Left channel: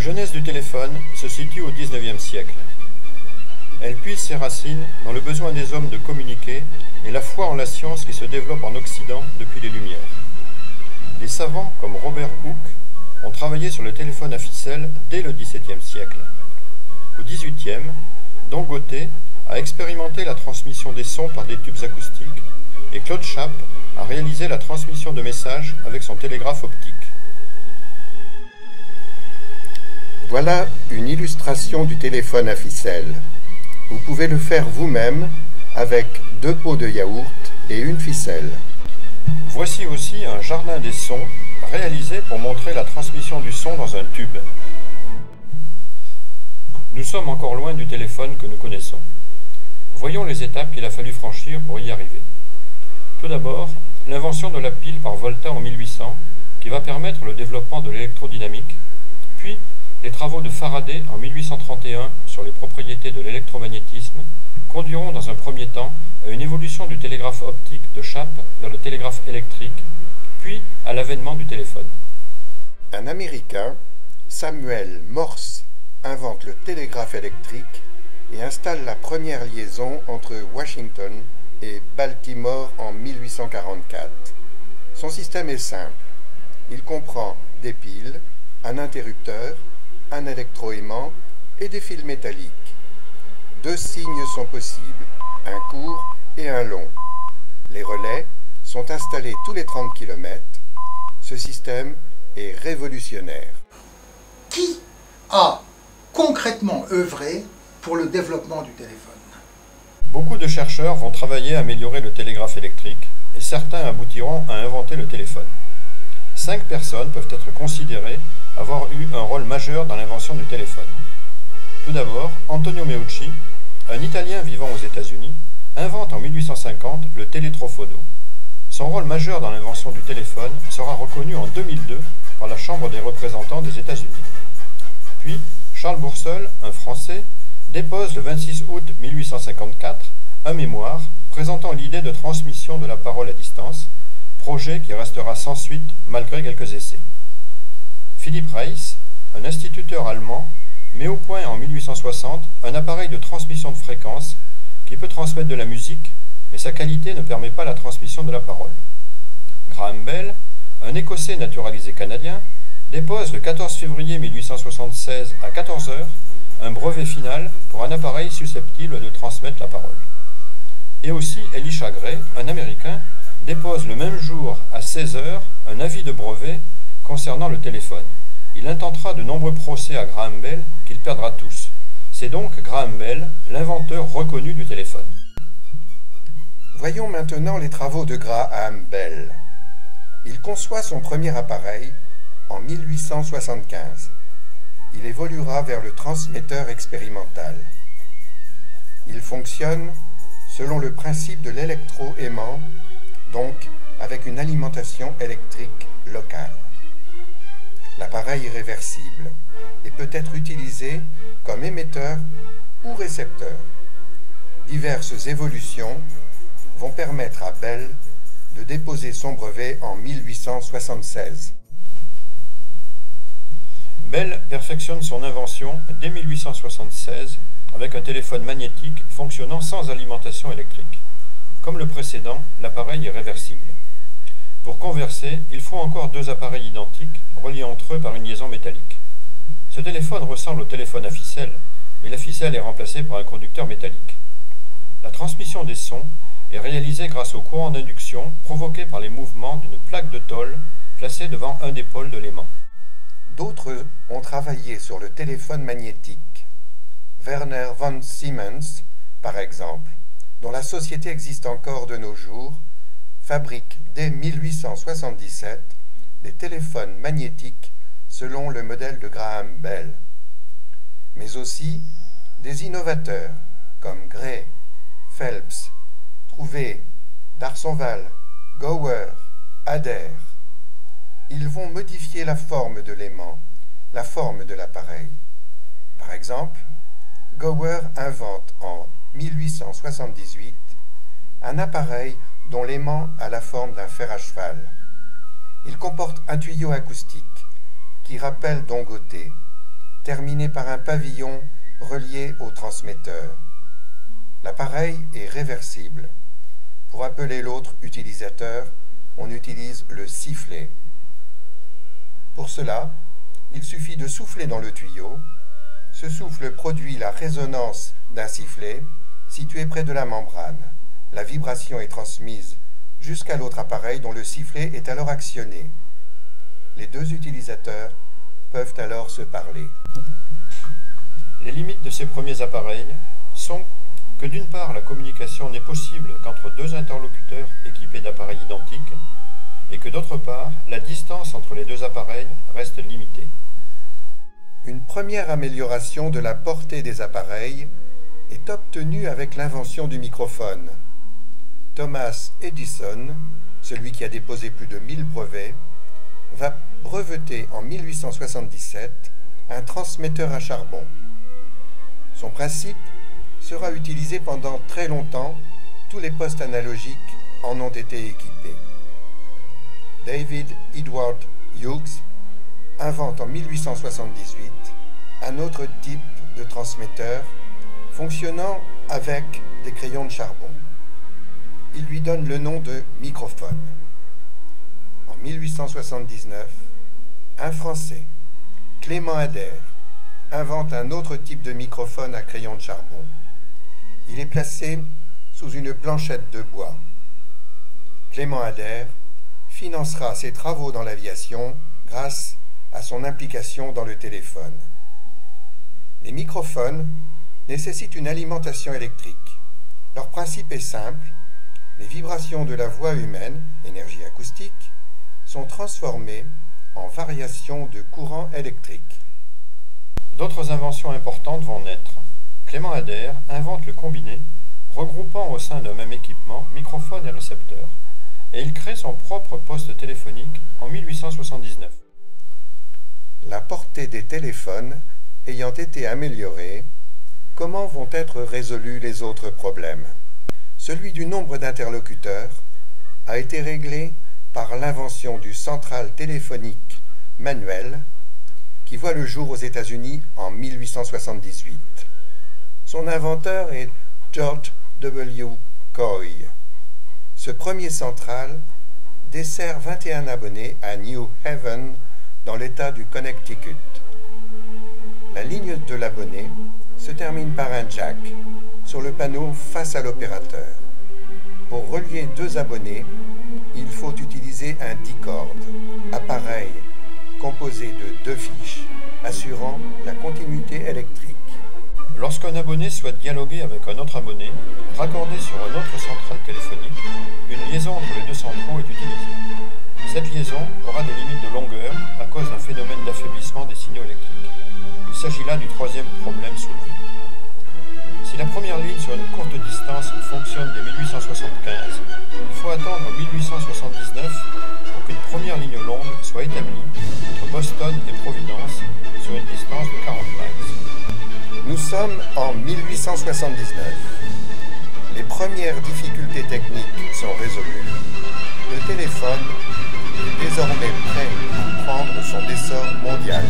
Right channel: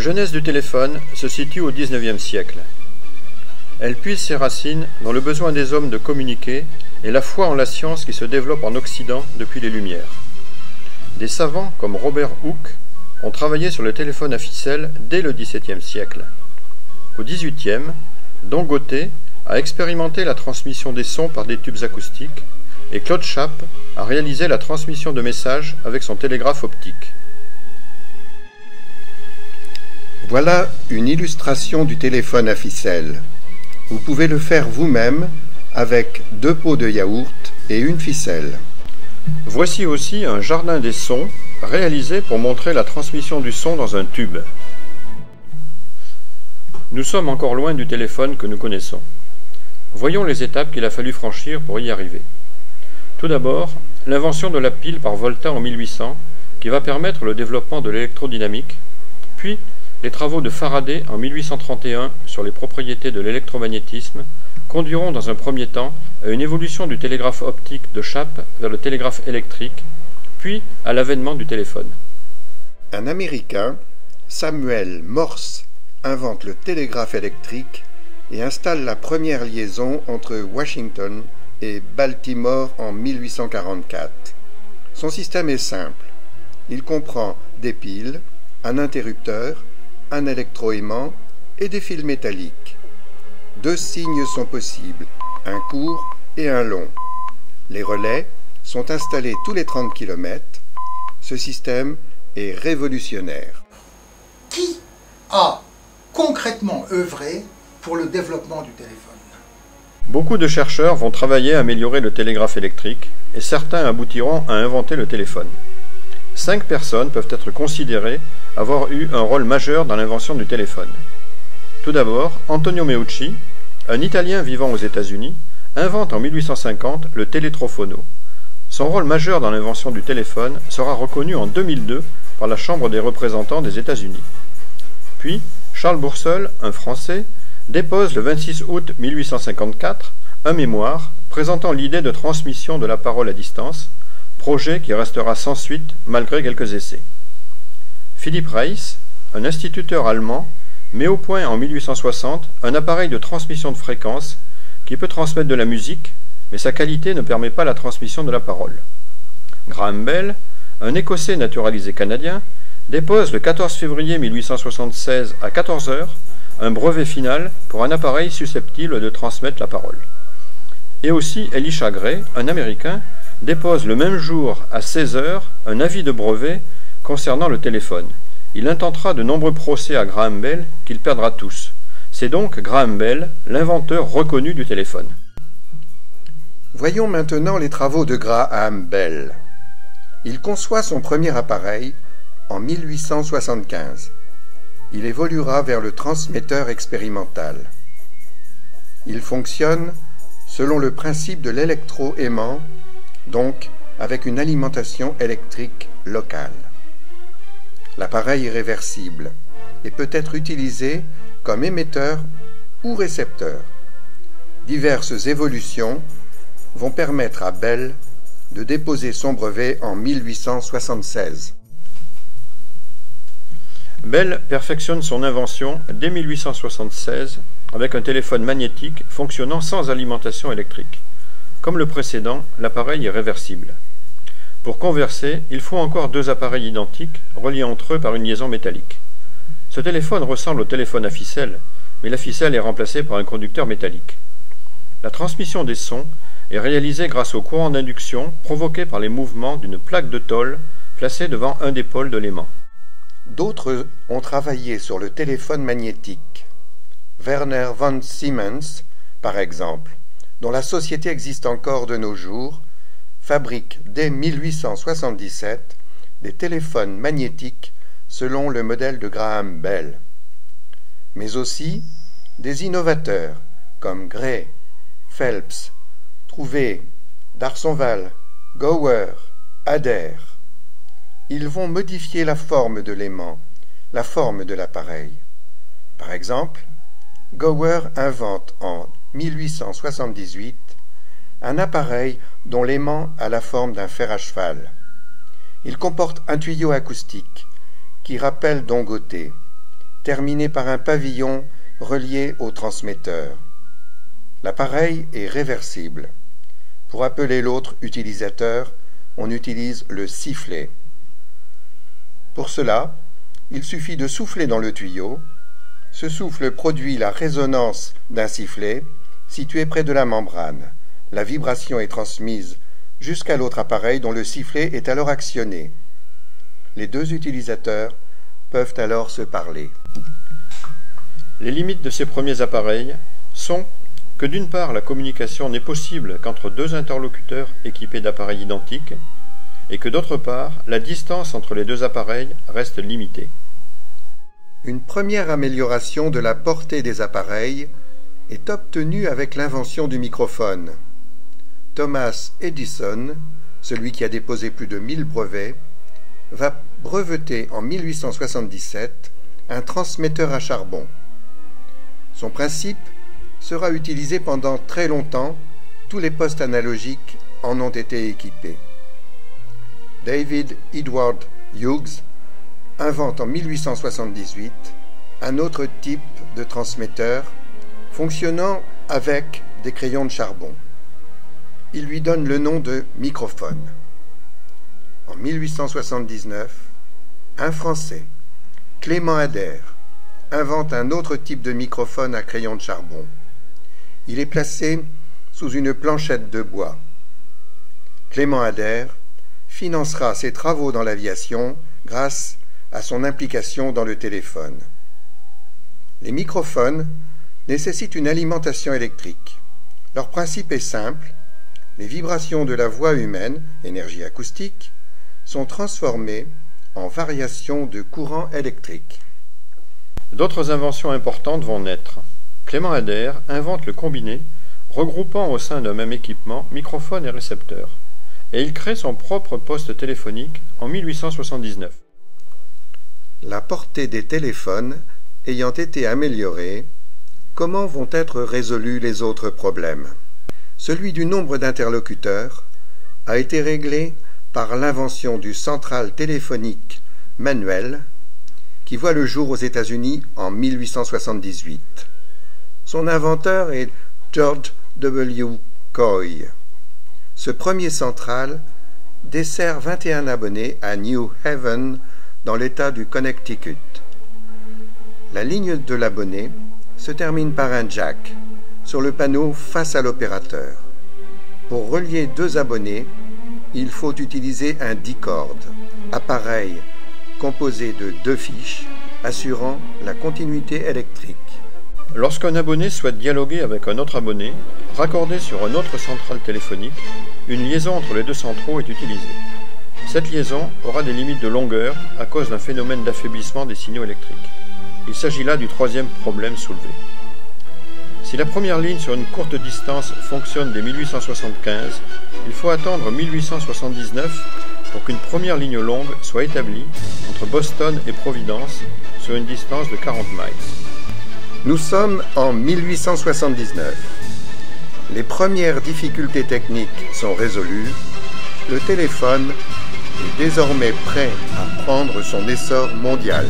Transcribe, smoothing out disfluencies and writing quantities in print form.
genèse du téléphone se situe au XIXe siècle. Elle puise ses racines dans le besoin des hommes de communiquer et la foi en la science qui se développe en Occident depuis les Lumières. Des savants comme Robert Hooke ont travaillé sur le téléphone à ficelle dès le XVIIe siècle. Au XVIIIe, Don Gauthier a expérimenté la transmission des sons par des tubes acoustiques et Claude Chappe a réalisé la transmission de messages avec son télégraphe optique. Voilà une illustration du téléphone à ficelle. Vous pouvez le faire vous-même avec 2 pots de yaourt et une ficelle. Voici aussi un jardin des sons réalisé pour montrer la transmission du son dans un tube. Nous sommes encore loin du téléphone que nous connaissons. Voyons les étapes qu'il a fallu franchir pour y arriver. Tout d'abord, l'invention de la pile par Volta en 1800 qui va permettre le développement de l'électrodynamique, puis les travaux de Faraday en 1831 sur les propriétés de l'électromagnétisme conduiront dans un premier temps à une évolution du télégraphe optique de Chappe vers le télégraphe électrique, puis à l'avènement du téléphone. Un Américain, Samuel Morse, invente le télégraphe électrique et installe la première liaison entre Washington et Baltimore en 1844. Son système est simple. Il comprend des piles, un interrupteur, un électroaimant et des fils métalliques. 2 signes sont possibles, un court et un long. Les relais sont installés tous les 30 km. Ce système est révolutionnaire. Beaucoup de chercheurs vont travailler à améliorer le télégraphe électrique et certains aboutiront à inventer le téléphone. 5 personnes peuvent être considérées avoir eu un rôle majeur dans l'invention du téléphone. Tout d'abord, Antonio Meucci, un Italien vivant aux États-Unis, invente en 1850 le télétrofono. Son rôle majeur dans l'invention du téléphone sera reconnu en 2002 par la Chambre des représentants des États-Unis. Puis, Charles Bourseul, un Français, dépose le 26 août 1854 un mémoire présentant l'idée de transmission de la parole à distance, projet qui restera sans suite malgré quelques essais. Philipp Reis, un instituteur allemand, met au point en 1860 un appareil de transmission de fréquence qui peut transmettre de la musique, mais sa qualité ne permet pas la transmission de la parole. Graham Bell, un Écossais naturalisé canadien, dépose le 14 février 1876 à 14 h un brevet final pour un appareil susceptible de transmettre la parole. Et aussi Elisha Gray, un Américain, dépose le même jour à 16 h un avis de brevet concernant le téléphone. Il intentera de nombreux procès à Graham Bell qu'il perdra tous. C'est donc Graham Bell, l'inventeur reconnu du téléphone. Voyons maintenant les travaux de Graham Bell. Il conçoit son premier appareil en 1875. Il évoluera vers le transmetteur expérimental. Il fonctionne selon le principe de l'électroaimant, donc avec une alimentation électrique locale. L'appareil est réversible et peut être utilisé comme émetteur ou récepteur. Diverses évolutions vont permettre à Bell de déposer son brevet en 1876. Bell perfectionne son invention dès 1876 avec un téléphone magnétique fonctionnant sans alimentation électrique. Comme le précédent, l'appareil est réversible. Pour converser, il faut encore 2 appareils identiques reliés entre eux par une liaison métallique. Ce téléphone ressemble au téléphone à ficelle, mais la ficelle est remplacée par un conducteur métallique. La transmission des sons est réalisée grâce au courant d'induction provoqué par les mouvements d'une plaque de tôle placée devant un des pôles de l'aimant. D'autres ont travaillé sur le téléphone magnétique. Werner von Siemens, par exemple, dont la société existe encore de nos jours, fabrique dès 1877 des téléphones magnétiques selon le modèle de Graham Bell. Mais aussi des innovateurs comme Gray, Phelps, Trouvé, D'Arsonval, Gower, Adair. Ils vont modifier la forme de l'aimant, la forme de l'appareil. Par exemple, Gower invente en 1878 un appareil dont l'aimant a la forme d'un fer à cheval. Il comporte un tuyau acoustique qui rappelle Don Gauthier. terminé par un pavillon relié au transmetteur. L'appareil est réversible. Pour appeler l'autre utilisateur, on utilise le sifflet. Pour cela, il suffit de souffler dans le tuyau. Ce souffle produit la résonance d'un sifflet situé près de la membrane. La vibration est transmise jusqu'à l'autre appareil dont le sifflet est alors actionné. Les deux utilisateurs peuvent alors se parler. Les limites de ces premiers appareils sont que d'une part la communication n'est possible qu'entre deux interlocuteurs équipés d'appareils identiques et que d'autre part la distance entre les deux appareils reste limitée. Une première amélioration de la portée des appareils est obtenue avec l'invention du microphone. Thomas Edison, celui qui a déposé plus de 1000 brevets, va breveter en 1877 un transmetteur à charbon. Son principe sera utilisé pendant très longtemps, tous les postes analogiques en ont été équipés. David Edward Hughes invente en 1878 un autre type de transmetteur fonctionnant avec des crayons de charbon. Il lui donne le nom de microphone. En 1879, un Français, Clément Ader, invente un autre type de microphone à crayon de charbon. Il est placé sous une planchette de bois. Clément Ader financera ses travaux dans l'aviation grâce à son implication dans le téléphone. Les microphones nécessitent une alimentation électrique. Leur principe est simple. Les vibrations de la voix humaine, énergie acoustique, sont transformées en variations de courant électrique. D'autres inventions importantes vont naître. Clément Ader invente le combiné, regroupant au sein d'un même équipement microphone et récepteur, et il crée son propre poste téléphonique en 1879. La portée des téléphones ayant été améliorée, comment vont être résolus les autres problèmes? Celui du nombre d'interlocuteurs a été réglé par l'invention du central téléphonique manuel qui voit le jour aux États-Unis en 1878. Son inventeur est George W. Coy. Ce premier central dessert 21 abonnés à New Haven dans l'État du Connecticut. La ligne de l'abonné se termine par un jack sur le panneau face à l'opérateur. Pour relier deux abonnés, il faut utiliser un dicord, appareil composé de deux fiches assurant la continuité électrique. Lorsqu'un abonné souhaite dialoguer avec un autre abonné, raccordé sur un autre central téléphonique, une liaison entre les deux centraux est utilisée. Cette liaison aura des limites de longueur à cause d'un phénomène d'affaiblissement des signaux électriques. Il s'agit là du troisième problème soulevé. Si la première ligne sur une courte distance fonctionne dès 1875, il faut attendre 1879 pour qu'une première ligne longue soit établie entre Boston et Providence sur une distance de 40 miles. Nous sommes en 1879. Les premières difficultés techniques sont résolues. Le téléphone est désormais prêt à prendre son essor mondial.